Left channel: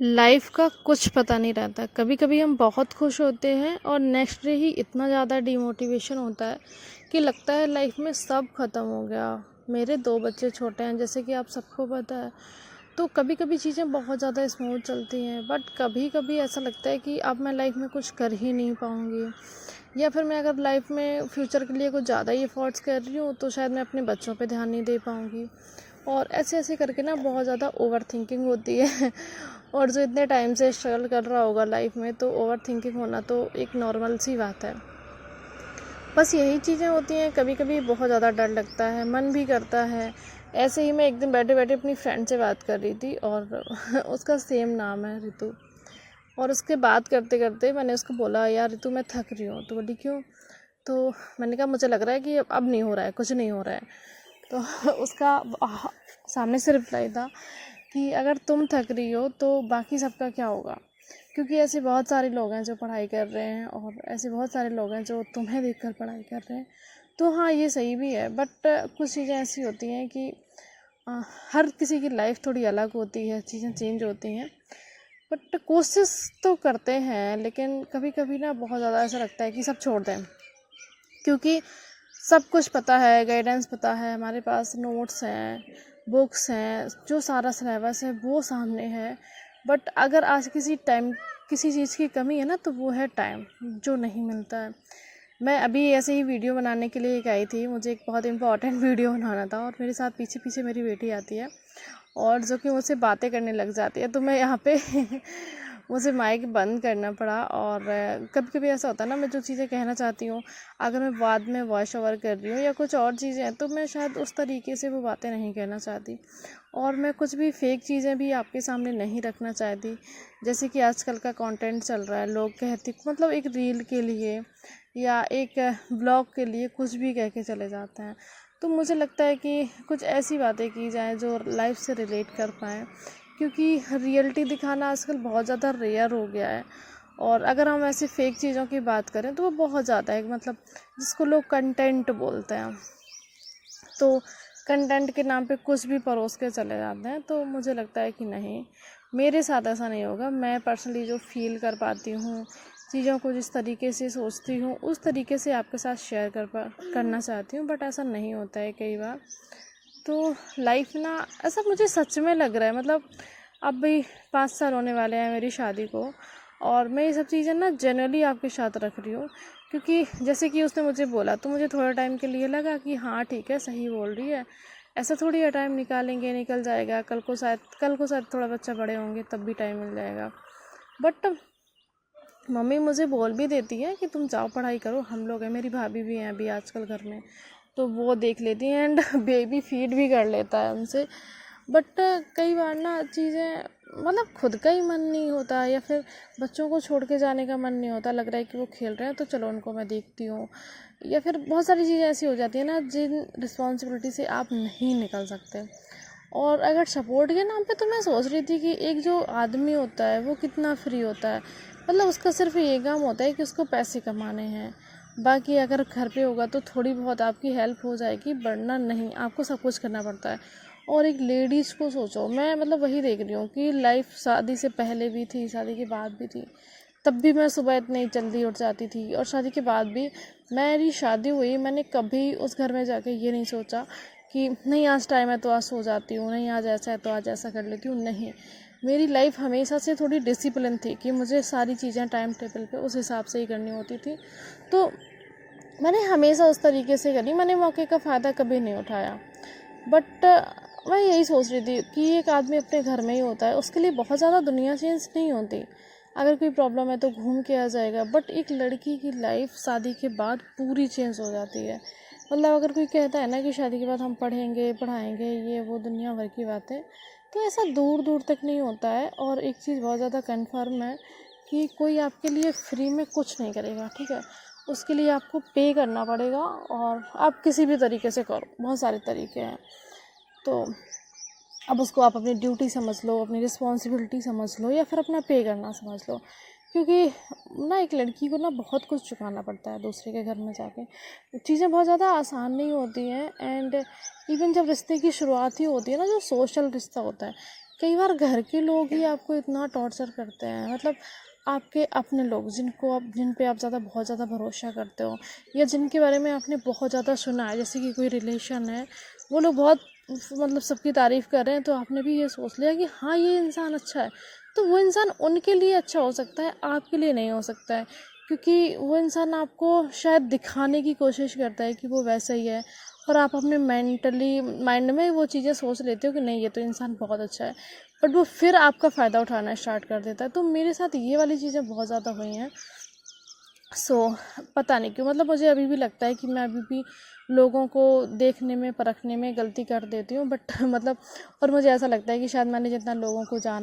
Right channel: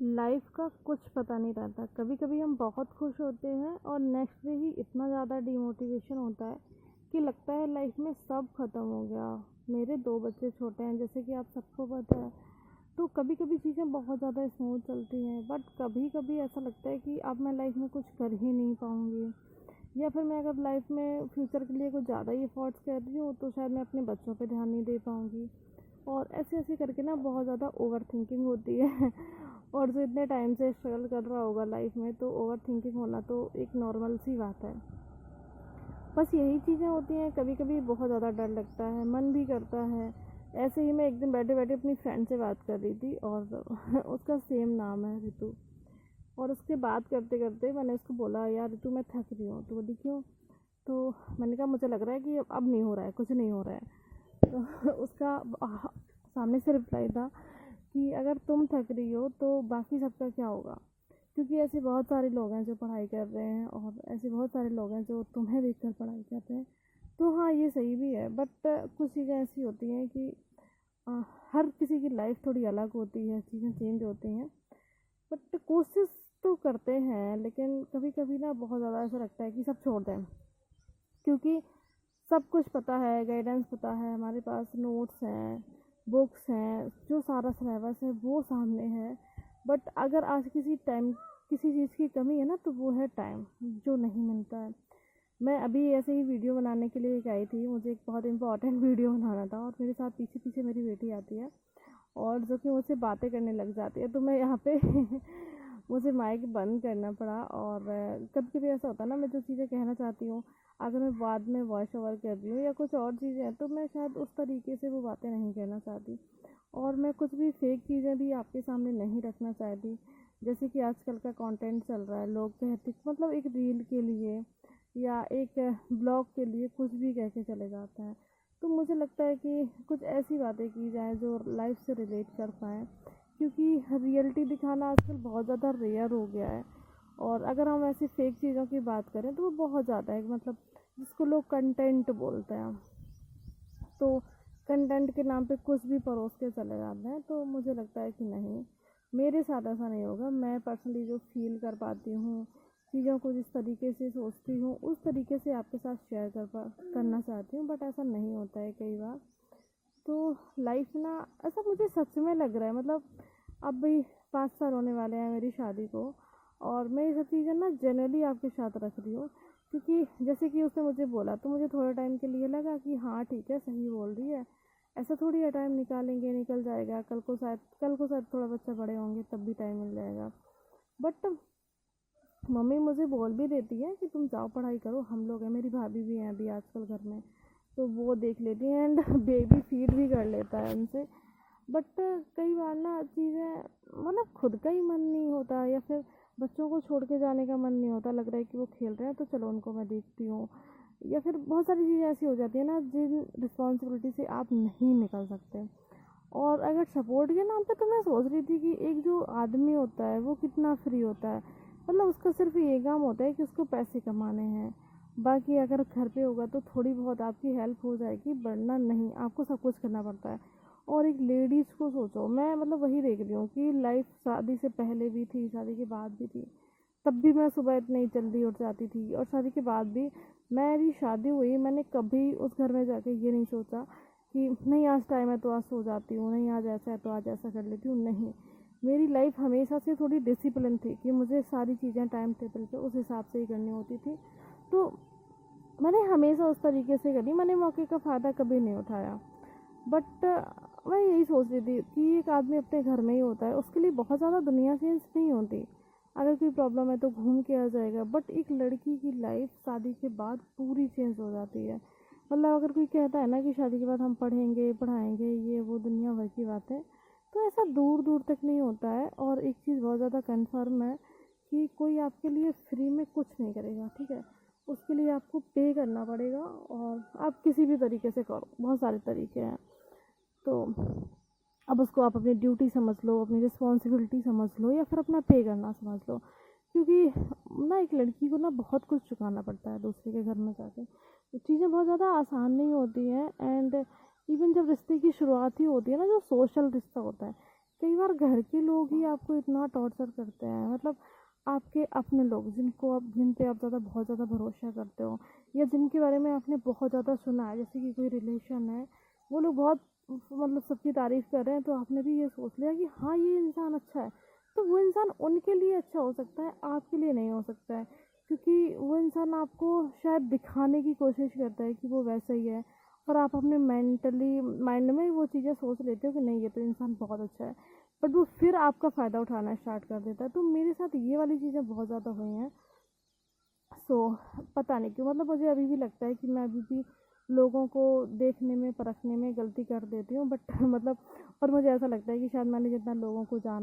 Life का कुछ पता नहीं रहता। कभी कभी हम बहुत खुश होते हैं और नेक्स्ट डे ही इतना ज़्यादा डिमोटिवेशन होता है कि लगता है लाइफ में सब ख़त्म हो गया। मेरे 2 बच्चे छोटे हैं, जैसे कि आप सबको पता है। तो कभी कभी चीज़ें बहुत ज़्यादा स्मूथ चलती हैं, बट कभी कभी ऐसा लगता है कि अब मैं लाइफ में कुछ कर ही नहीं पाऊँगी, या फिर मैं अगर लाइफ में फ्यूचर के लिए कुछ ज़्यादा ही एफर्ट्स कर रही हूँ तो शायद मैं अपने बच्चों पे ध्यान नहीं दे पाऊँगी। और ऐसे ऐसे करके ना बहुत ज़्यादा ओवर थिंकिंग होती है। और जो इतने टाइम से स्ट्रगल कर रहा होगा लाइफ में, तो ओवर थिंकिंग होना तो एक नॉर्मल सी बात है। बस यही चीज़ें होती हैं। कभी कभी बहुत ज़्यादा डर लगता है, मन भी करता है। ऐसे ही मैं एक दिन बैठे बैठे अपनी फ्रेंड से बात कर रही थी, और उसका सेम नाम है ऋतु। और उसके बात करते करते मैंने उसको बोला, यार ऋतु मैं थक रही हूँ। तो बोली क्यों? तो मैंने कहा मुझे लग रहा है कि अब नहीं हो रहा है, कुछ नहीं हो रहा है। तो उसका सामने से रिप्लाई था कि अगर तुम थक रही हो तो बाकी सबका क्या होगा, क्योंकि ऐसे बहुत सारे लोग हैं जो पढ़ाई कर रहे हैं, और ऐसे बहुत सारे लोग हैं जो तुम्हें देखकर पढ़ाई कर रहे हैं। तो हाँ, ये सही भी है, बट कुछ चीज़ें ऐसी होती हैं कि अ, हर किसी की लाइफ थोड़ी अलग होती है, चीज़ें चेंज होती हैं। बट कोशिश तो करते हैं, लेकिन कभी कभी ना बहुत ज़्यादा ऐसा लगता है कि सब छोड़ दें, क्योंकि सब कुछ पता है, गाइडेंस पता है, हमारे पास नोट्स हैं, बुक्स हैं, जो सारा सिलेबस है वो सामने है। बट अगर आज किसी टाइम किसी चीज़ की कमी है ना, तो वो है टाइम, जो नहीं मिलता है। मैं अभी ऐसे ही वीडियो बनाने के लिए एक आई थी, मुझे एक बहुत इंपॉर्टेंट वीडियो बनाना था, और मेरे साथ पीछे पीछे मेरी बेटी आती है, और जो कि मुझसे बातें करने लग जाती है। तो मैं यहाँ पे मुझे माइक बंद करना पड़ा। और कभी कभी ऐसा होता है ना, मैं जो चीज़ें कहना चाहती हूँ, अगर मैं बाद में वॉइस ओवर कर रही हूँ या कुछ और चीज़ें हैं, तो मैं शायद उस तरीके से वो बातें नहीं कहना चाहती, और मैं कुछ भी फेक चीज़ें भी आपके सामने नहीं रखना चाहती। जैसे कि आजकल का कंटेंट चल रहा है, लोग कहते मतलब एक रील के लिए या एक ब्लॉग के लिए कुछ भी कह के चले जाते हैं। तो मुझे लगता है कि कुछ ऐसी बातें की जाएँ जो लाइफ से रिलेट कर पाएँ, क्योंकि रियलिटी दिखाना आजकल बहुत ज़्यादा रेयर हो गया है। और अगर हम ऐसे फेक चीज़ों की बात करें तो वो बहुत ज़्यादा है, मतलब जिसको लोग कंटेंट बोलते हैं। तो कंटेंट के नाम पे कुछ भी परोस के चले जाते हैं। तो मुझे लगता है कि नहीं, मेरे साथ ऐसा नहीं होगा। मैं पर्सनली जो फील कर पाती हूँ, चीज़ों को जिस तरीके से सोचती हूँ, उस तरीके से आपके साथ शेयर करना चाहती हूँ, बट ऐसा नहीं होता है कई बार। तो लाइफ ना, ऐसा मुझे सच में लग रहा है, मतलब अब भी 5 साल होने वाले हैं मेरी शादी को, और मैं ये सब चीज़ें ना जनरली आपके साथ रख रही हूँ। क्योंकि जैसे कि उसने मुझे बोला, तो मुझे थोड़ा टाइम के लिए लगा कि हाँ ठीक है, सही बोल रही है। ऐसा थोड़ी है, टाइम निकालेंगे निकल जाएगा, कल को शायद थोड़ा बच्चा बड़े होंगे तब भी टाइम मिल जाएगा। बट मम्मी मुझे बोल भी देती है कि तुम जाओ पढ़ाई करो, हम लोग हैं, मेरी भाभी भी हैं अभी आजकल घर में, तो वो देख लेती हैं, एंड बेबी फीड भी कर लेता है उनसे। बट कई बार ना चीज़ें, मतलब खुद का ही मन नहीं होता, या फिर बच्चों को छोड़ के जाने का मन नहीं होता, लग रहा है कि वो खेल रहे हैं तो चलो उनको मैं देखती हूँ। या फिर बहुत सारी चीज़ें ऐसी हो जाती है ना जिन रिस्पॉन्सिबिलिटी से आप नहीं निकल सकते। और अगर सपोर्ट के नाम पे, तो मैं सोच रही थी कि एक जो आदमी होता है वो कितना फ्री होता है, मतलब उसका सिर्फ ये काम होता है कि उसको पैसे कमाने हैं। बाकी अगर घर पे होगा तो थोड़ी बहुत आपकी हेल्प हो जाएगी, वरना नहीं, आपको सब कुछ करना पड़ता है। और एक लेडीज़ को सोचो, मैं मतलब वही देख रही हूँ कि लाइफ शादी से पहले भी थी, शादी के बाद भी थी। तब भी मैं सुबह इतनी जल्दी उठ जाती थी, और शादी के बाद भी। मेरी शादी हुई, मैंने कभी उस घर में जाके ये नहीं सोचा कि नहीं आज टाइम है तो आज सो जाती हूँ, नहीं आज ऐसा है तो आज ऐसा कर लेती हूँ, नहीं। मेरी लाइफ हमेशा से थोड़ी डिसिप्लिन थी कि मुझे सारी चीज़ें टाइम टेबल पे उस हिसाब से ही करनी होती थी। तो मैंने हमेशा उस तरीके से करी, मैंने मौके का फ़ायदा कभी नहीं उठाया। बट मैं यही सोच रही थी कि एक आदमी अपने घर में ही होता है, उसके लिए बहुत ज़्यादा दुनिया चेंज नहीं होती। अगर कोई प्रॉब्लम है तो घूम के आ जाएगा, बट एक लड़की की लाइफ शादी के बाद पूरी चेंज हो जाती है। मतलब अगर कोई कहता है ना कि शादी के बाद हम पढ़ेंगे पढ़ाएंगे, ये वो दुनिया भर की बातें, तो ऐसा दूर दूर तक नहीं होता है। और एक चीज़ बहुत ज़्यादा कन्फर्म है कि कोई आपके लिए फ्री में कुछ नहीं करेगा, ठीक है। उसके लिए आपको पे करना पड़ेगा, और आप किसी भी तरीके से करो, बहुत सारे तरीके हैं। तो अब उसको आप अपनी ड्यूटी समझ लो, अपनी रिस्पॉन्सिबिलिटी समझ लो, या फिर अपना पे करना समझ लो। क्योंकि ना एक लड़की को ना बहुत कुछ चुकाना पड़ता है दूसरे के घर में जाके। चीज़ें बहुत ज़्यादा आसान नहीं होती हैं। एंड इवन जब रिश्ते की शुरुआत ही होती है ना, जो सोशल रिश्ता होता है, कई बार घर के लोग ही आपको इतना टॉर्चर करते हैं, मतलब आपके अपने लोग जिन पे आप बहुत ज़्यादा भरोसा करते हो, या जिनके बारे में आपने बहुत ज़्यादा सुना है, जैसे कि कोई रिलेशन है, वो लोग बहुत मतलब सबकी तारीफ़ कर रहे हैं, तो आपने भी ये सोच लिया कि हाँ ये इंसान अच्छा है। तो वो इंसान उनके लिए अच्छा हो सकता है, आपके लिए नहीं हो सकता है, क्योंकि वो इंसान आपको शायद दिखाने की कोशिश करता है कि वो वैसा ही है, और आप अपने मेंटली माइंड में वो चीज़ें सोच लेते हो कि नहीं ये तो इंसान बहुत अच्छा है, बट वो फिर आपका फ़ायदा उठाना स्टार्ट कर देता है। तो मेरे साथ ये वाली चीज़ें बहुत ज़्यादा हुई हैं। सो पता नहीं क्यों, मतलब मुझे अभी भी लगता है कि मैं अभी भी लोगों को देखने में परखने में गलती कर देती हूँ, बट मतलब और मुझे ऐसा लगता है कि शायद मैंने जितना लोगों को जाना